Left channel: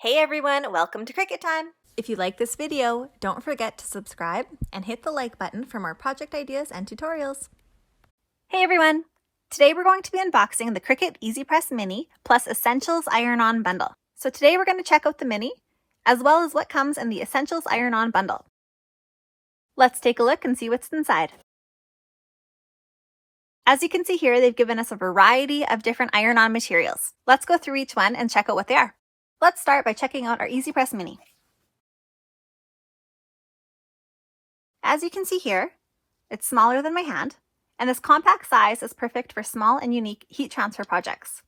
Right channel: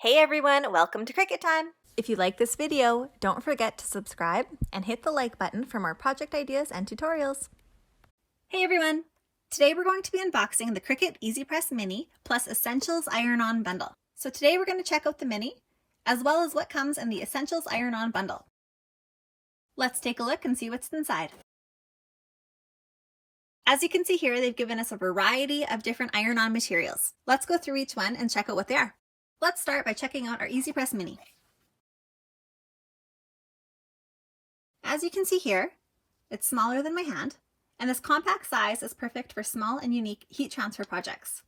Hey everyone, welcome to Cricut Time! If you like this video, don't forget to subscribe and hit the like button for more project ideas and tutorials. Hey everyone! Today we're going to be unboxing the Cricut EasyPress Mini plus Essentials Iron-On bundle. So today we're going to check out the Mini, as well as what comes in the Essentials Iron-On bundle. Let's take a look and see what's inside. As you can see here, they've given us a variety of different iron-on materials. Let's go through each one and check out what they are. Let's start by checking out our EasyPress Mini. As you can see here, it's smaller than my hand, and this compact size is perfect for small and unique heat transfer projects.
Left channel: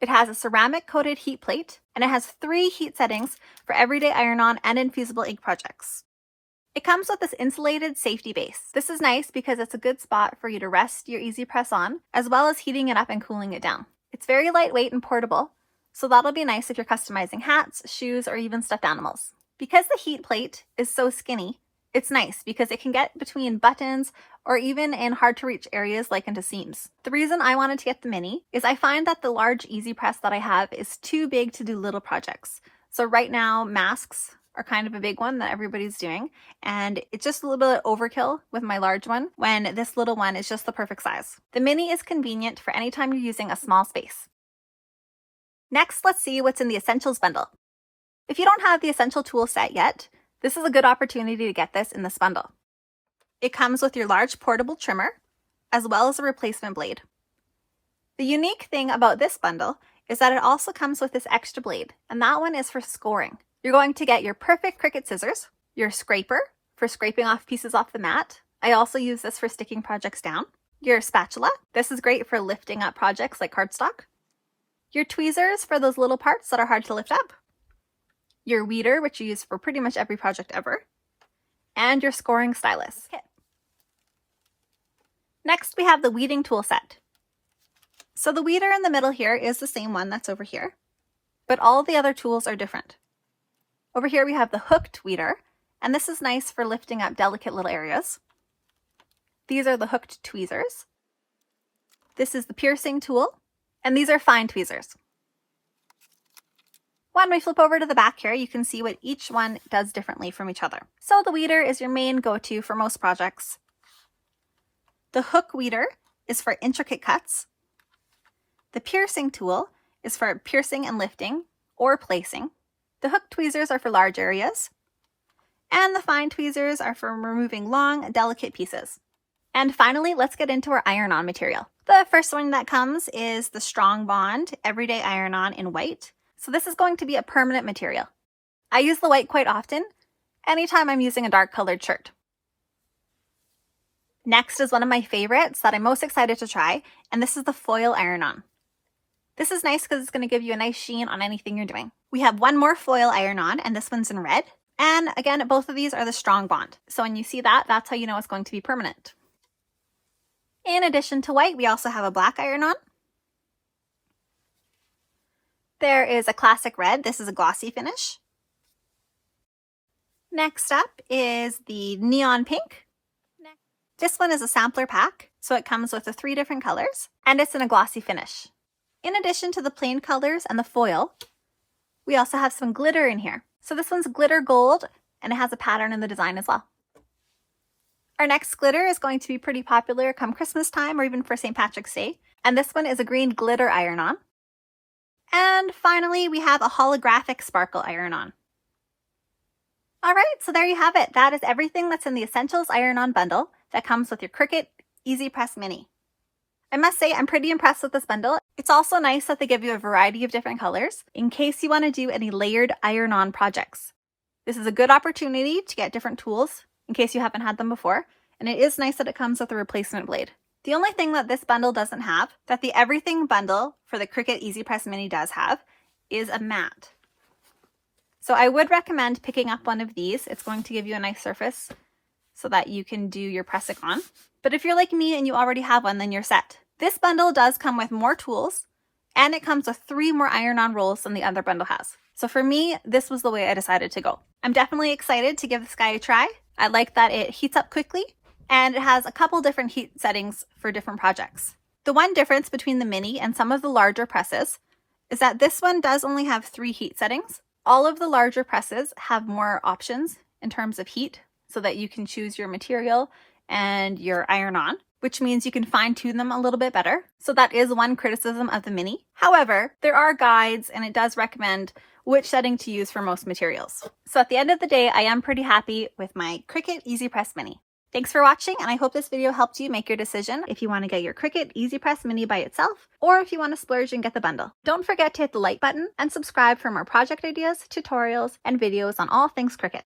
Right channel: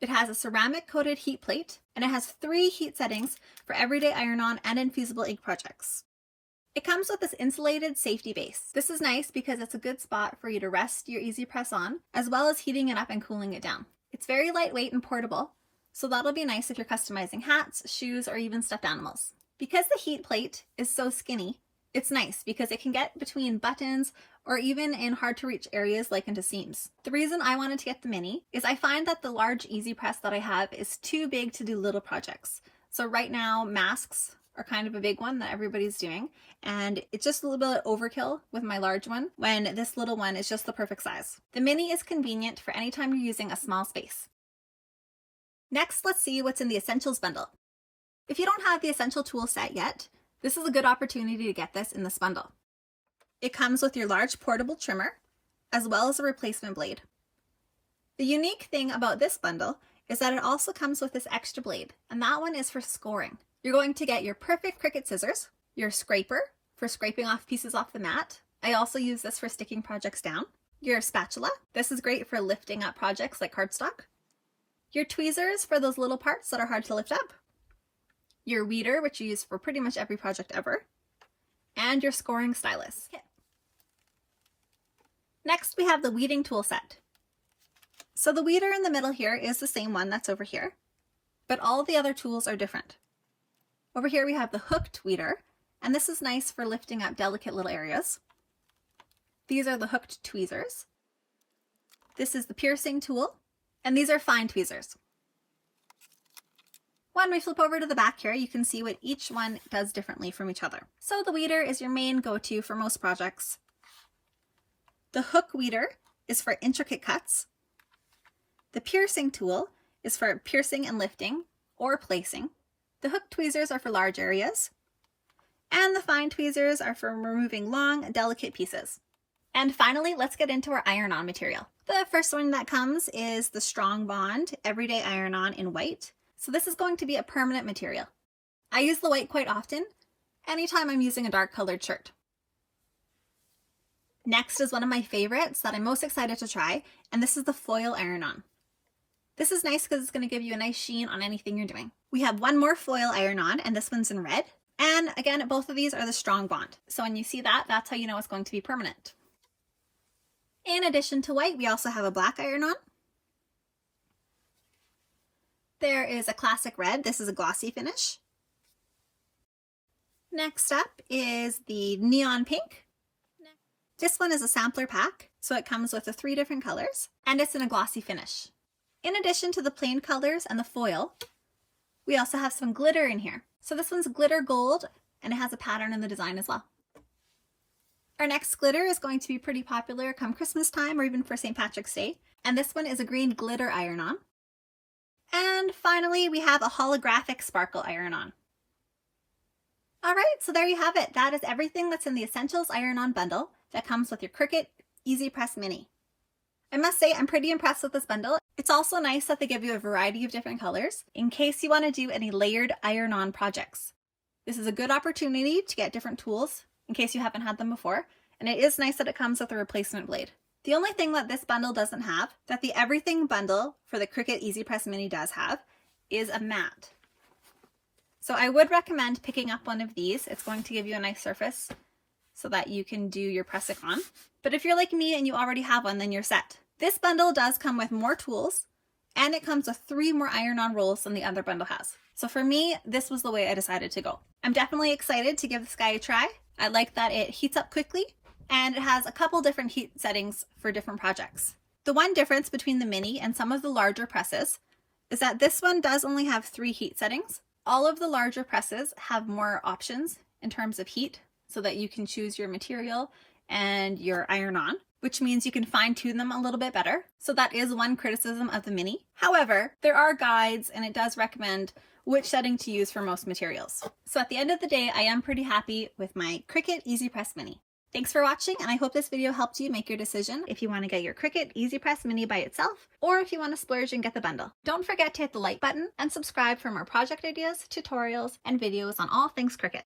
It has a ceramic coated heat plate, and it has 3 heat settings for everyday iron-on and infusible ink projects. It comes with this insulated safety base. This is nice because it's a good spot for you to rest your EasyPress on, as well as heating it up and cooling it down. It's very lightweight and portable, so that'll be nice if you're customizing hats, shoes, or even stuffed animals. Because the heat plate is so skinny, it's nice because it can get between buttons or even in hard to reach areas like into seams. The reason I wanted to get the Mini is I find that the large EasyPress that I have is too big to do little projects. So right now, masks are kind of a big one that everybody's doing, and it's just a little bit overkill with my large one when this little one is just the perfect size. The Mini is convenient for any time you're using a small space. Next, let's see what's in the Essentials bundle. If you don't have the Essential tool set yet, this is a good opportunity to get this in this bundle. It comes with your large portable trimmer, as well as a replacement blade. The unique thing about this bundle is that it also comes with this extra blade, and that one is for scoring. You're going to get your perfect Cricut scissors, your scraper for scraping off pieces off the mat. I also use this for sticking projects down. Your spatula. This is great for lifting up projects like cardstock. Your tweezers for those little parts that are hard to lift up. Your weeder, which you use for pretty much every project ever. And your scoring stylus. Okay. Next, we have the weeding tool set. So the weeder in the middle here is the same one that's over here, but all the other tools are different. Over here we have the hooked weeder, and this is nice for lifting up delicate little areas. These are the hooked tweezers. This is the piercing tool, and these are fine tweezers. When we flip over to the back here, you can see what each one does differently from each other. So the weeder is your main go-to for most projects. The hook weeder is for intricate cuts. The piercing tool is for piercing and lifting or placing. The hook tweezers are for large areas, and the fine tweezers are for removing long, delicate pieces. And finally, let's get into our iron-on material. The first one that comes is the Strong Bond Everyday Iron-On in white. So this is going to be a permanent material. I use the white quite often, anytime I'm using a dark colored shirt. Next is one of my favorites that I'm most excited to try, and this is the foil iron-on. This is nice because it's going to give you a nice sheen on anything you're doing. We have one more foil iron-on, and this one's in red. And again, both of these are the Strong Bond. So when you see that, that's how you know it's going to be permanent. In addition to white, we also have a black iron-on. There is a classic red. This is a glossy finish. Next up is the neon pink. This one is a sampler pack, so it comes with the 3 different colors, and it's in a glossy finish. In addition to the plain colors and the foil, we also have some glitter in here. So this one's glitter gold, and it has a pattern in the design as well. Our next glitter is going to be pretty popular come Christmas time or even for St. Patrick's Day, and this one is a green glitter iron-on. And finally, we have a holographic sparkle iron-on. All right, so there you have it. That is everything that's in the Essentials Iron-On bundle that comes with your Cricut EasyPress Mini. I must say, I'm pretty impressed with this bundle. It's also nice that they give you a variety of different colors in case you want to do any layered iron-on projects. This is a good opportunity to get different tools in case you haven't had them before, and it is nice that it comes with a replacement blade. The only thing that this bundle doesn't have, that the Everything bundle for the Cricut EasyPress Mini does have, is a mat. So I would recommend picking up one of these. It's going to give you a nice surface so that you can do your pressing on. But if you're like me and you already have one, then you're set. This bundle does come with more tools, and it comes with 3 more iron-on rolls than the other bundle has. So for me, this was the way I decided to go. I'm definitely excited to give this guy a try. I like that it heats up quickly, and it has a couple different heat settings for different projects. The one difference between the Mini and some of the larger presses is that this one does only have 3 heat settings. All of the larger presses have more options in terms of heat so that you can choose your material and your iron on, which means you can fine tune them a little bit better. So that is one criticism of the Mini. However, there are guides and it does recommend which setting to use for most materials. So at the end of the day, I am pretty happy with my Cricut EasyPress Mini. Thanks for watching, and I hope this video helped you make your decision if you want to get your Cricut EasyPress Mini by itself, or if you want to splurge and get the bundle. Don't forget to hit the like button and subscribe for more project ideas, tutorials, and videos on all things Cricut.